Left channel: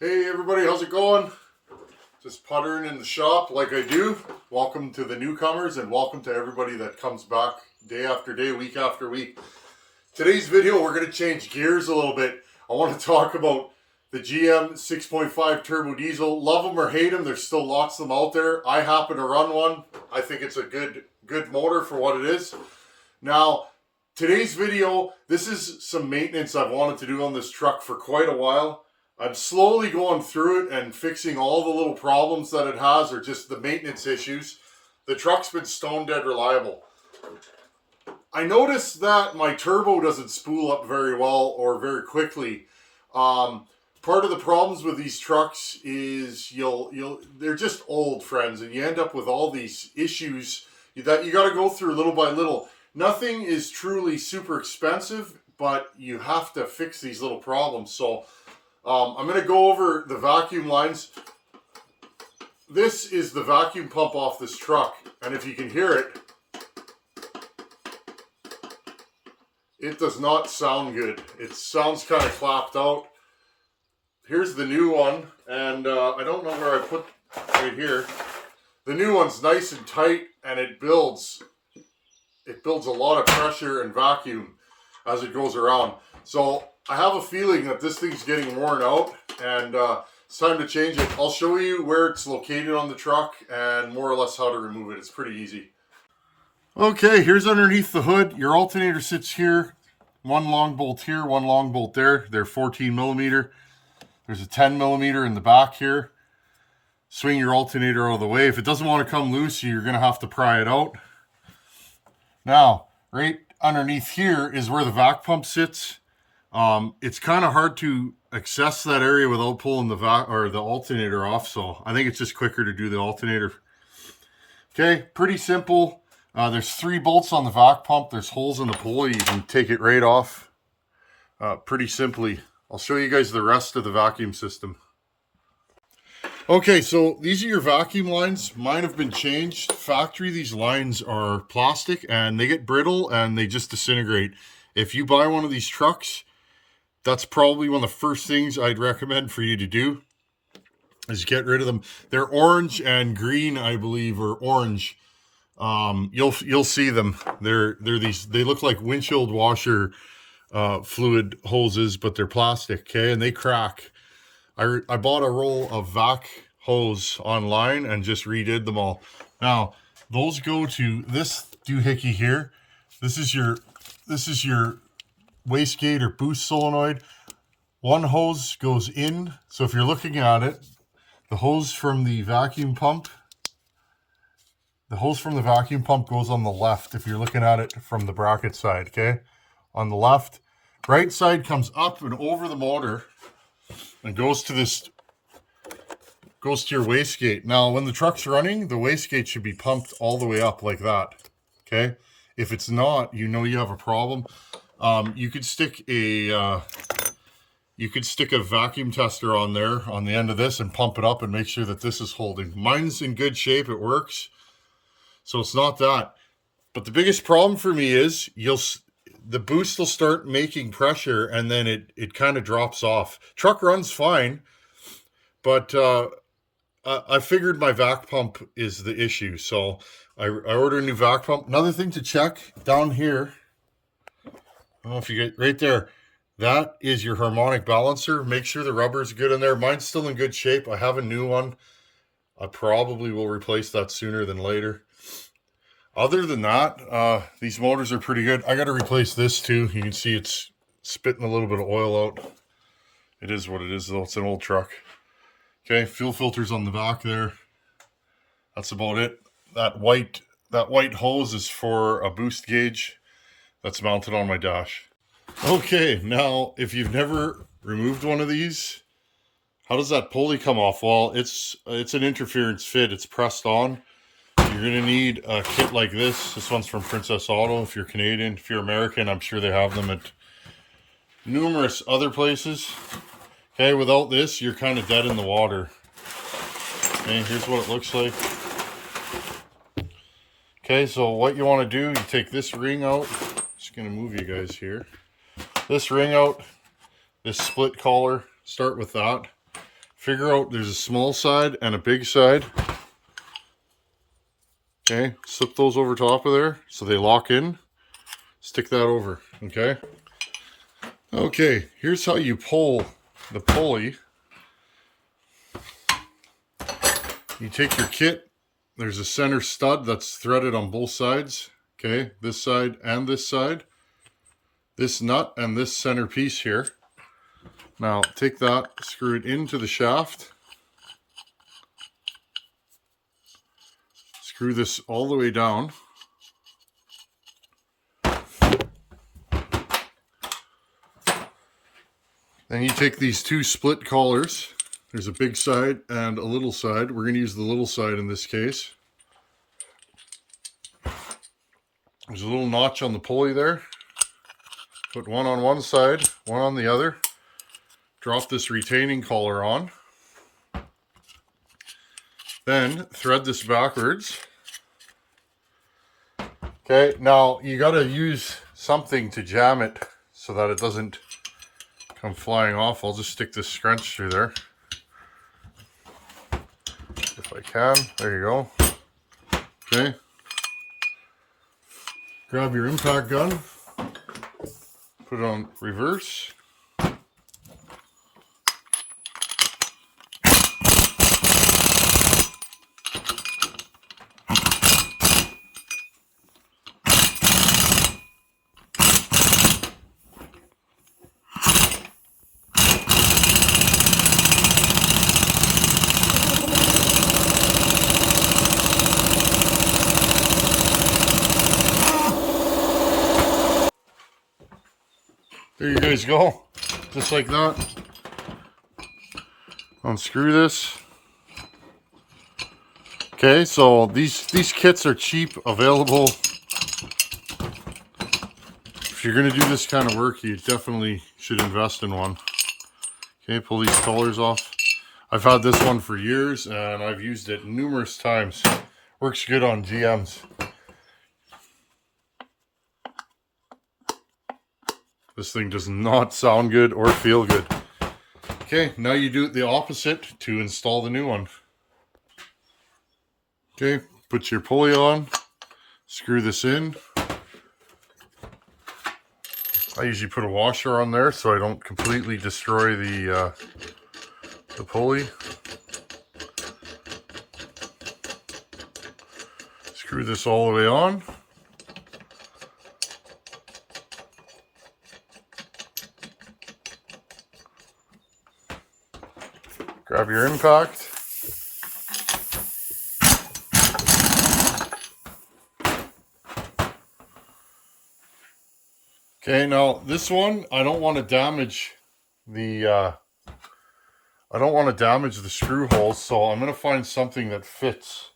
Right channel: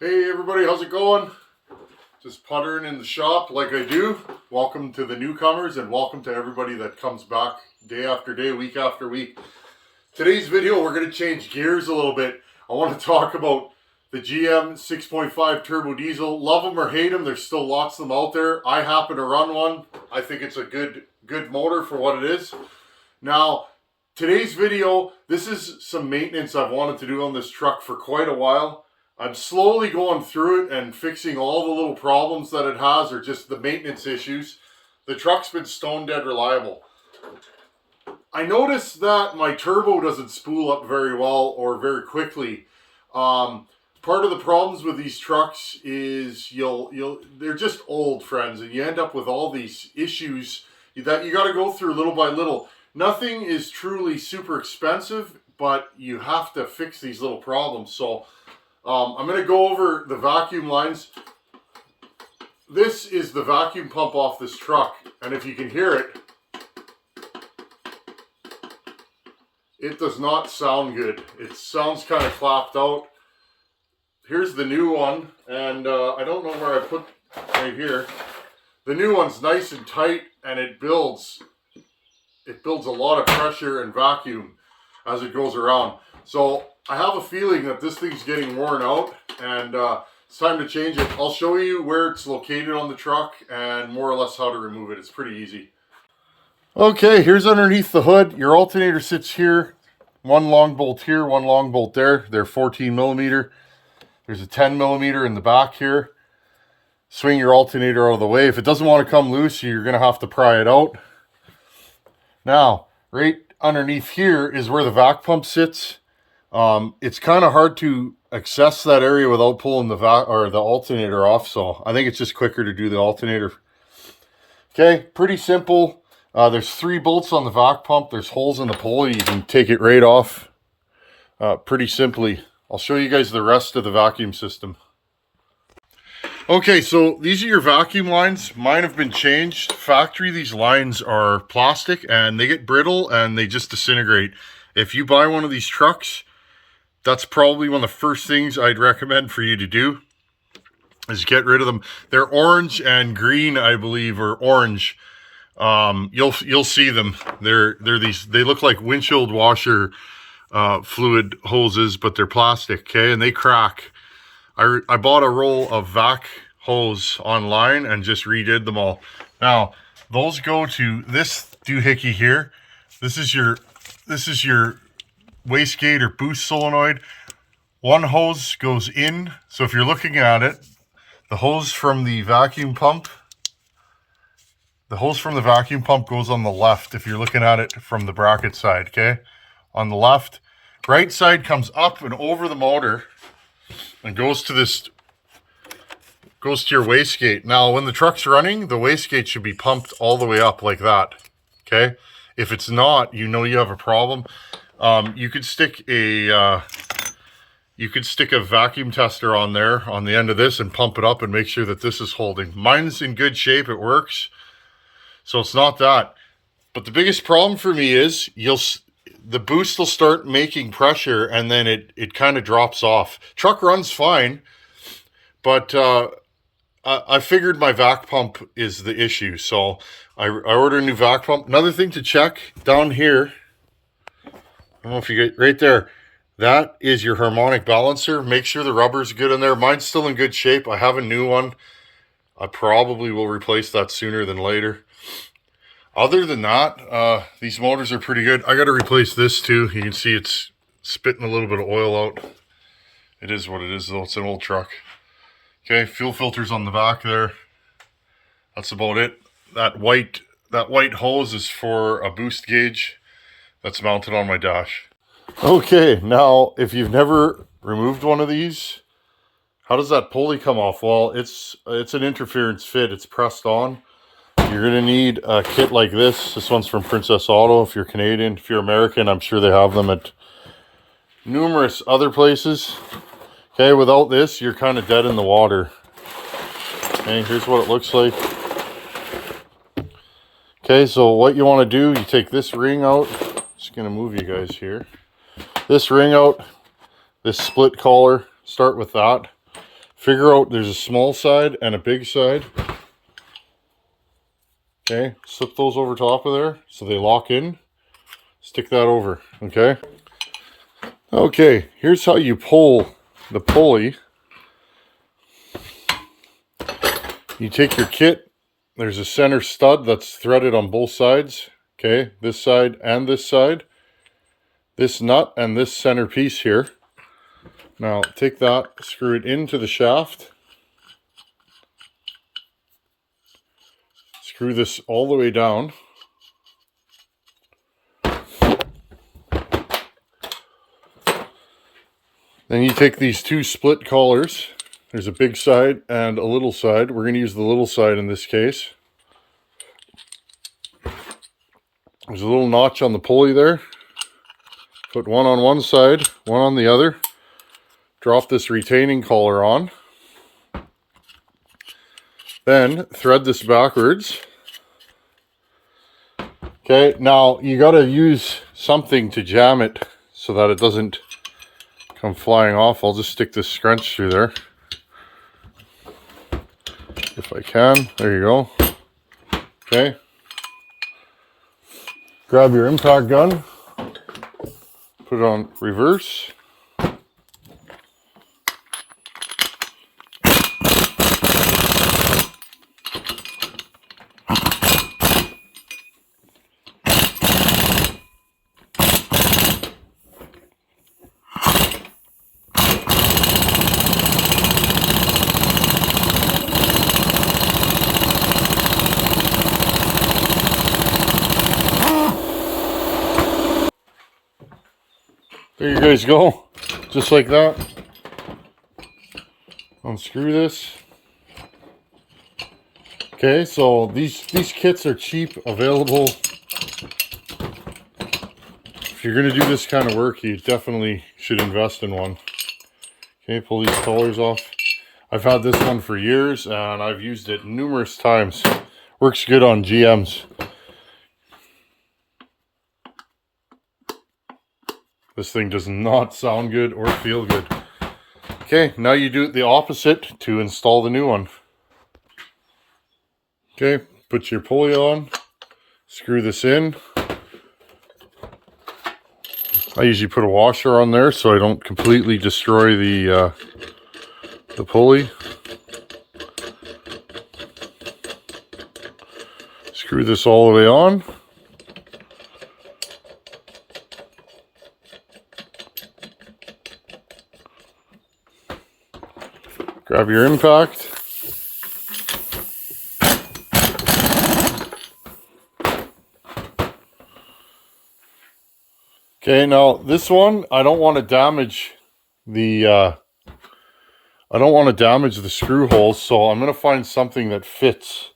Hey everybody, how's it going? Just puttering in the shop like I do. Welcome to the newcomers and welcome to everybody that comes back day after day, week after week. Today's video, we're going to change gears a little bit. I want to talk about the GM 6.5 turbo diesel. Love them or hate them, there's still lots of them out there. I happen to run one. I think it's a good motor for what it is. Now, today's video, this is some maintenance I've wanted to do on this truck for quite a while. I'm slowly going through it and fixing all the little problems that it has, or just the maintenance issues. The truck's been stone dead reliable. I noticed that my turbo doesn't spool up very well or very quickly. Part of the problems with these trucks is they're just old, friends, and you end up with all these issues that you got to go through little by little. Nothing is truly super expensive, but you have to fix these little problems. So I'm going to go over the vacuum lines. This is the vacuum pump off this truck, and if you can hear it, it does not sound good. It sounds kind of clapped out. Here's the new one, and I don't know where I put right here. The new one's nice and tight, and it builds a lot of pressure and vacuum as it goes around. So I have a feeling that this thing's getting worn out, and it's time to change it. I'll show you where it's located on the truck and more or less how to remove it. It's pretty easy. Okay, here's underneath the hood. Your alternator sits here. One long bolt here, one long bolt there. They're 14 millimeter. There's a 10 millimeter in the back here. Swing your alternator out of the way. If it doesn't want to come loose, you're going to have to pry it out. Now, right underneath here is where the vac pump sits. It's kind of hard to access that area without pulling the alternator off, so I think it's just quicker to do the alternator. Okay, pretty simple. There's 3 bolts on the vac pump. There's holes in the pulley. You can take it right off pretty simply. I'll show you guys the rest of the vacuum system. Okay, so these are your vacuum lines. Mine have been changed. Factory, these lines are plastic and they get brittle and they just disintegrate. If you buy one of these trucks, that's probably one of the first things I'd recommend for you to do, is get rid of them. They're orange and green, I believe, or orange. You'll see them. They're these. They look like windshield washer fluid hoses, but they're plastic. Okay, and they crack. I bought a roll of vac hose online and just redid them all. Now those go to this doohickey here. This is your wastegate or boost solenoid. One hose goes in, so if you're looking at it, the hose from the vacuum pump goes on the left if you're looking at it from the bracket side. Okay, on the left. Right side comes up and over the motor and goes to your wastegate. Now when the truck's running, the wastegate should be pumped all the way up like that. Okay, if it's not, you know you have a problem. You could stick a vacuum tester on there on the end of this and pump it up and make sure that this is holding. Mine's in good shape, it works, so it's not that. But the biggest problem for me is the boost will start making pressure and then it kind of drops off. Truck runs fine, but I figured my vac pump is the issue, so I ordered a new vac pump. Another thing to check down here, I don't know if you get right there, that is your harmonic balancer. Make sure the rubber's good in there. Mine's still in good shape. I have a new one. I probably will replace that sooner than later. Other than that, these motors are pretty good. I got to replace this too. You can see it's spitting a little bit of oil out. It is what it is though. It's an old truck. Okay, fuel filters on the back there. That's about it. That white hose is for a boost gauge that's mounted on my dash. Okay, now if you've never removed one of these, how does that pulley come off? Well, it's an interference fit. It's pressed on. You're going to need a kit like this. This one's from Princess Auto if you're Canadian. If you're American, I'm sure they have them at numerous other places. Okay, without this, you're kind of dead in the water. Okay, here's what it looks like. Okay, so what you want to do, you take this ring out. Just going to move you guys here. This ring out, this split collar, start with that. figure out there's a small side and a big side. Okay, slip those over top of there so they lock in. Stick that over, okay? Okay, here's how you pull the pulley. You take your kit, there's a center stud that's threaded on both sides, okay? This side and this side. This nut and this center piece here. Now take that, screw it into the shaft. Screw this all the way down. Then you take these two split collars. There's a big side and a little side. We're going to use the little side in this case. There's a little notch on the pulley there. Put one on one side, one on the other. Drop this retaining collar on. Then thread this backwards. Okay, now you got to use something to jam it so that it doesn't come flying off. I'll just stick this scrunch through there. If I can. There you go. Okay. Grab your impact gun. Put it on reverse. There you guys go, just like that. Unscrew this. Okay, so these kits are cheap, available. If you're gonna do this kind of work, you definitely should invest in one. Okay, pull these collars off. I've had this one for years and I've used it numerous times. Works good on GMs. This thing does not sound good or feel good. Okay, now you do it the opposite to install the new one. Okay, put your pulley on, screw this in. I usually put a washer on there so I don't completely destroy the pulley. Screw this all the way on. Grab your impact. Okay, now this one, I don't want to damage the screw holes, so I'm going to find something that fits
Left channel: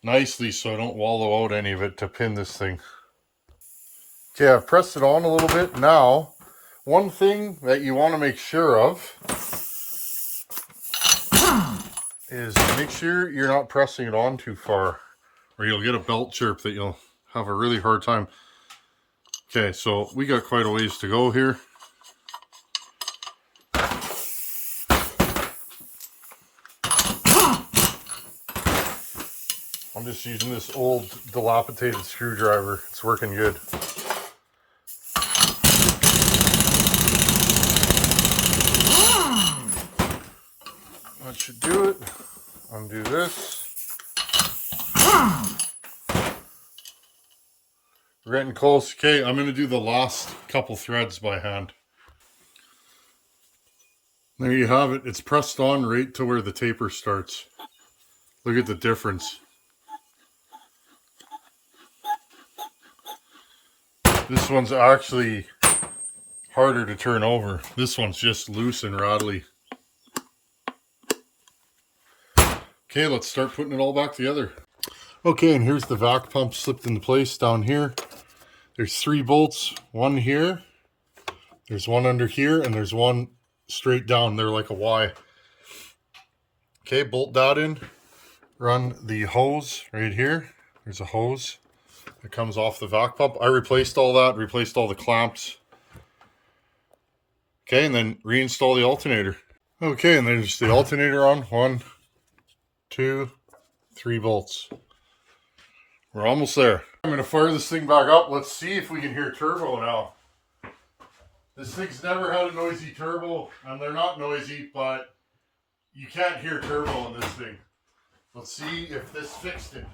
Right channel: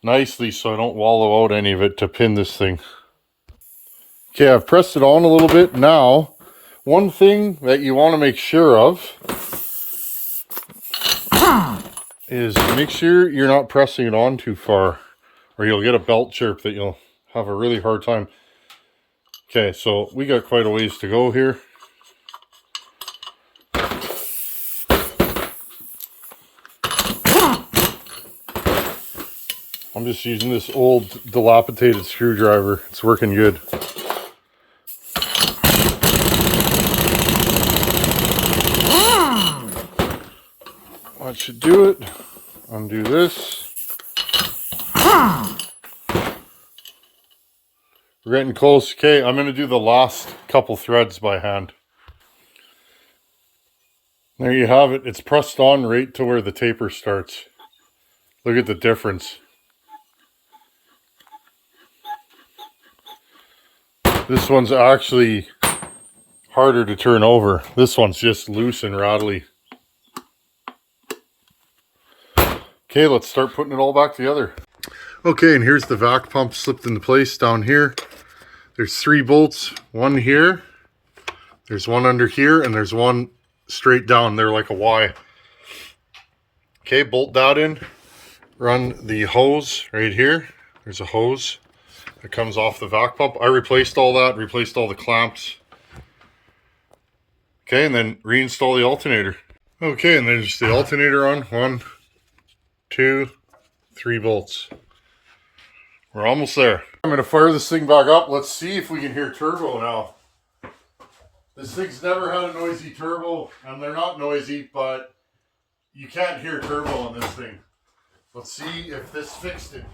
nicely so I don't wallow out any of it to pin this thing. Okay, I've pressed it on a little bit. Now, one thing that you want to make sure of is make sure you're not pressing it on too far or you'll get a belt chirp that you'll have a really hard time. Okay, so we got quite a ways to go here. I'm just using this old dilapidated screwdriver. It's working good. That should do it. Undo this. We're getting close. Okay, I'm going to do the last couple threads by hand. There you have it. It's pressed on right to where the taper starts. Look at the difference. This one's actually harder to turn over. This one's just loose and rattly. Okay, let's start putting it all back together. Okay, and here's the vac pump slipped into place down here. There's 3 bolts, one here, there's one under here, and there's one straight down there like a Y. Okay, bolt that in. Run the hose right here. There's a hose that comes off the vac pump. I replaced all that, replaced all the clamps. Okay, and then reinstall the alternator. Okay, and there's the alternator on. 1, 2, 3 volts. We're almost there. I'm going to fire this thing back up. Let's see if we can hear turbo now. This thing's never had a noisy turbo, and they're not noisy, but you can't hear turbo on this thing. Let's see if this fixed it.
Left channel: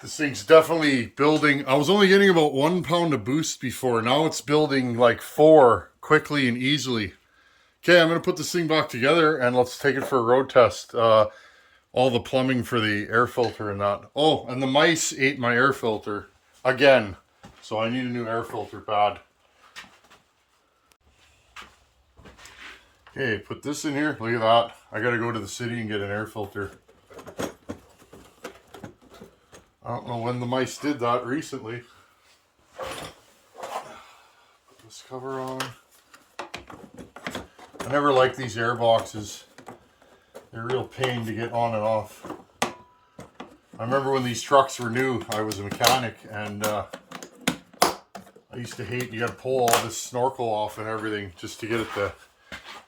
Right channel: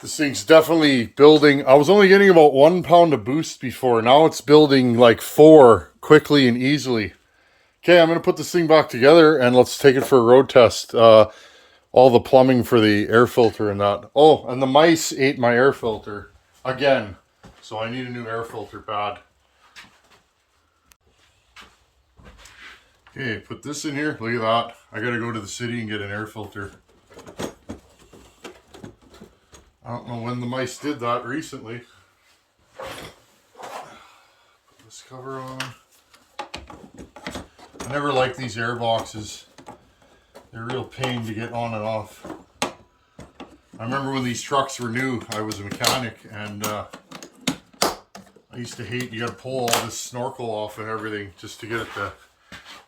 This thing's definitely building. I was only getting about 1 pound of boost before. Now it's building like 4 quickly and easily. Okay, I'm going to put this thing back together and let's take it for a road test. All the plumbing for the air filter and that. Oh, and the mice ate my air filter again. So I need a new air filter pad. Okay, put this in here. Look at that. I got to go to the city and get an air filter. I don't know when the mice did that recently. Put this cover on. I never liked these air boxes. They're a real pain to get on and off. I remember when these trucks were new, I was a mechanic, and I used to hate you got to pull all this snorkel off and everything just to get at the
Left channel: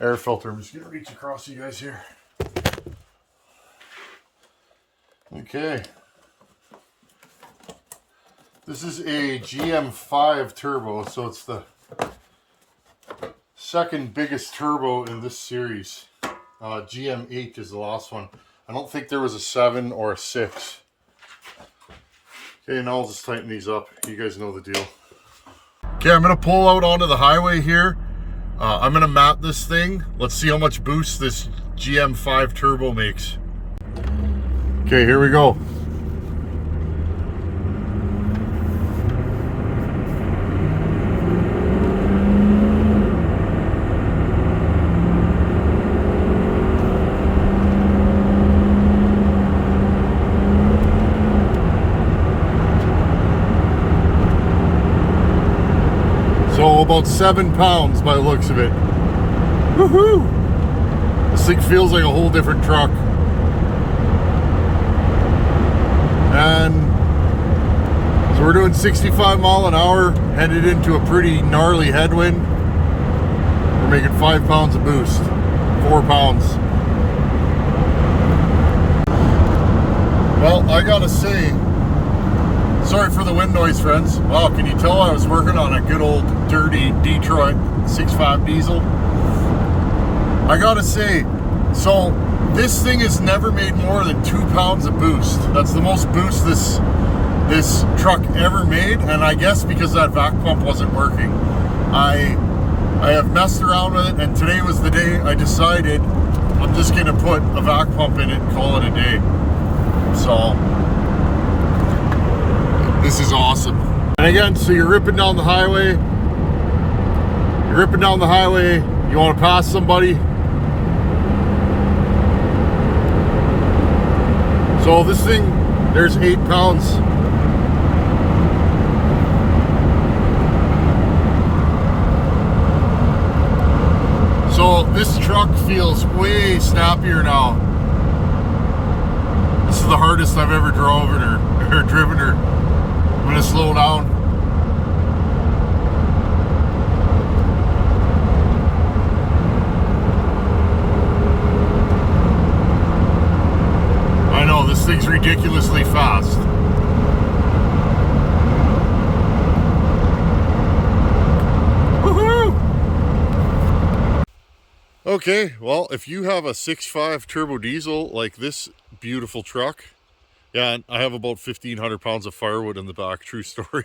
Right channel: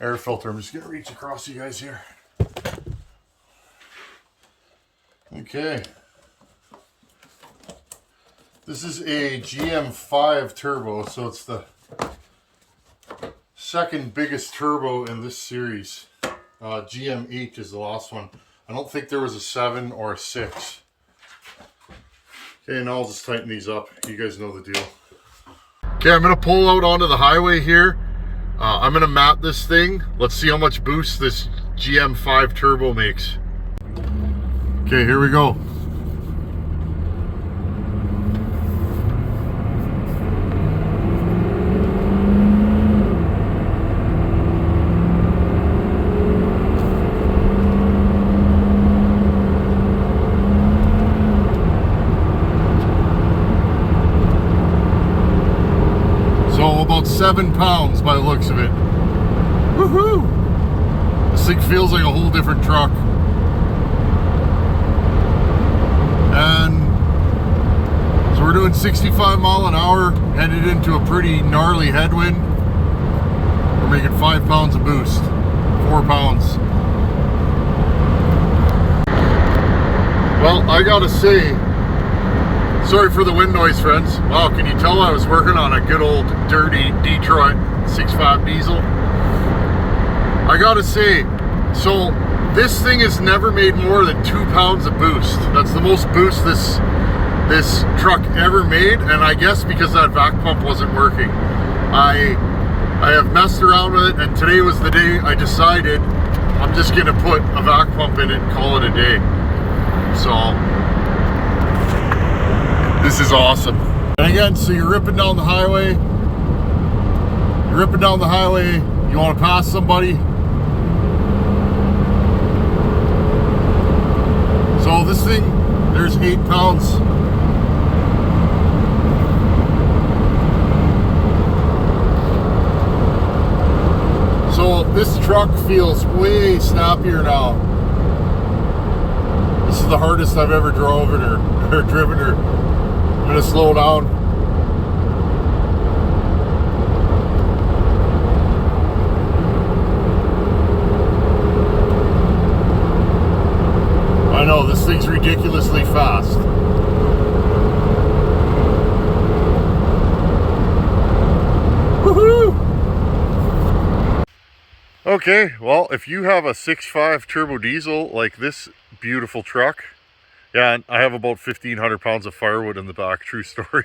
air filter. I'm just going to reach across you guys here. Okay. This is a GM5 turbo, so it's the second biggest turbo in this series. GM8 is the last one. I don't think there was a 7 or a 6. Okay, now I'll just tighten these up. You guys know the deal. Okay, I'm going to pull out onto the highway here. I'm going to map this thing. Let's see how much boost this GM5 turbo makes. Okay, here we go. So about 7 pounds by the looks of it. Woohoo! This thing feels like a whole different truck. And so we're doing 65 mile an hour, headed into a pretty gnarly headwind. We're making 5 pounds of boost. 4 pounds. Well, I gotta say, sorry for the wind noise, friends. Wow, can you tell I was working on a good old dirty Detroit 6.5 diesel? I gotta say, so this thing has never made more than 2 pounds of boost. That's the most boost this truck ever made, and I guess because that vac pump wasn't working. I have messed around with it, and today was the day I decided I'm just gonna put a vac pump in it and call it a day. So this is awesome. And again, so you're ripping down the highway. You want to pass somebody. So this thing, there's 8 pounds. So this truck feels way snappier now. This is the hardest I've ever driven her. I'm gonna slow down. I know, this thing's ridiculously fast. Woohoo! Okay, well, if you have a 6.5 turbo diesel like this beautiful truck, yeah, I have about 1,500 pounds of firewood in the back, true story.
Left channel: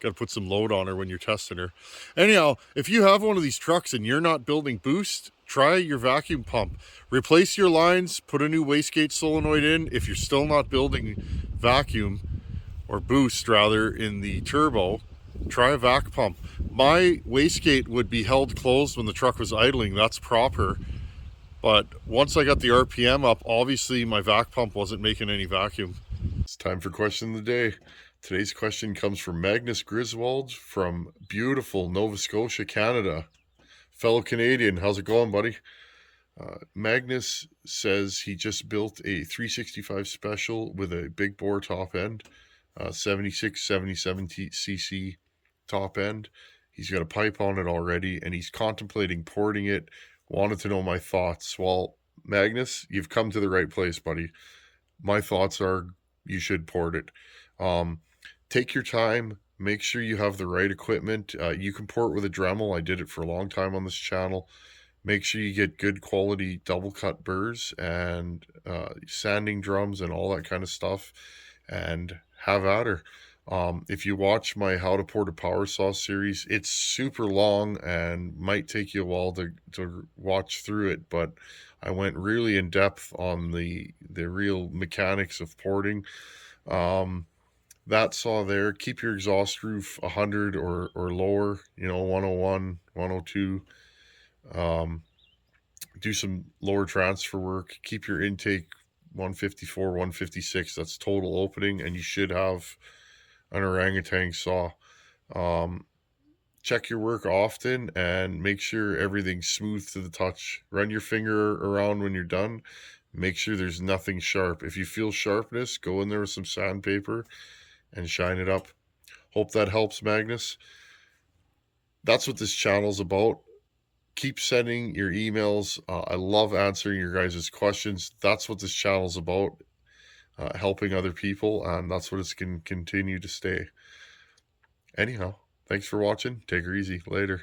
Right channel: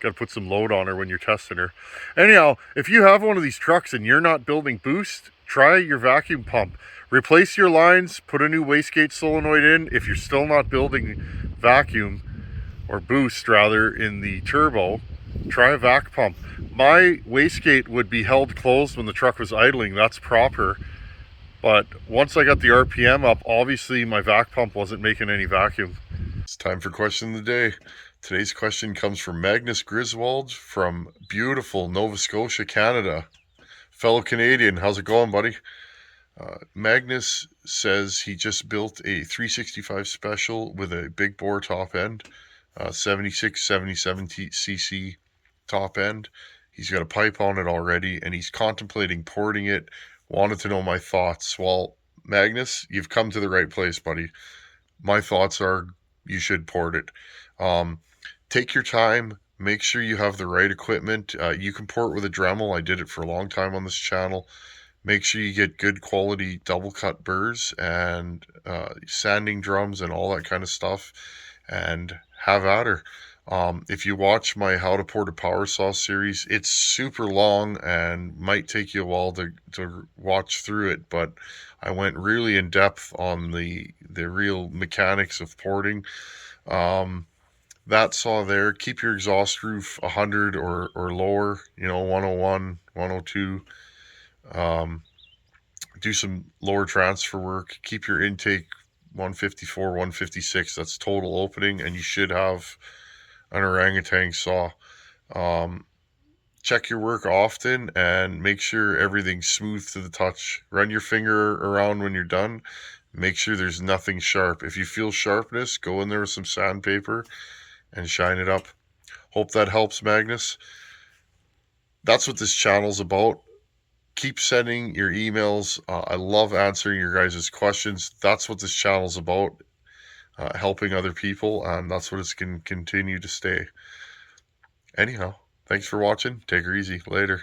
Got to put some load on her when you're testing her. Anyhow, if you have one of these trucks and you're not building boost, try your vacuum pump. Replace your lines, put a new wastegate solenoid in if you're still not building vacuum, or boost rather, in the turbo, try a vac pump. My wastegate would be held closed when the truck was idling. That's proper. But once I got the RPM up, obviously my vac pump wasn't making any vacuum. It's time for question of the day. Today's question comes from Magnus Griswold from beautiful Nova Scotia, Canada. Fellow Canadian, how's it going, buddy? Magnus says he just built a 365 special with a big bore top end, 76, 77 cc top end. He's got a pipe on it already, and he's contemplating porting it. Wanted to know my thoughts. Well, Magnus, you've come to the right place, buddy. My thoughts are you should port it. Take your time. Make sure you have the right equipment. You can port with a Dremel. I did it for a long time on this channel. Make sure you get good quality double cut burrs and sanding drums and all that kind of stuff, and have at her. If you watch my How to Port a Power Saw series, it's super long and might take you a while to watch through it, but I went really in depth on the real mechanics of porting. That saw there, keep your exhaust roof 100 or lower, 101, 102. Do some lower transfer work. Keep your intake 154, 156. That's total opening, and you should have an orangutan saw. Check your work often and make sure everything's smooth to the touch. Run your finger around when you're done. Make sure there's nothing sharp. If you feel sharpness, go in there with some sandpaper and shine it up. Hope that helps, Magnus. That's what this channel's about. Keep sending your emails. I love answering your guys' questions. That's what this channel's about, helping other people, and that's what it's going to continue to stay. Anyhow, thanks for watching. Take her easy. Later.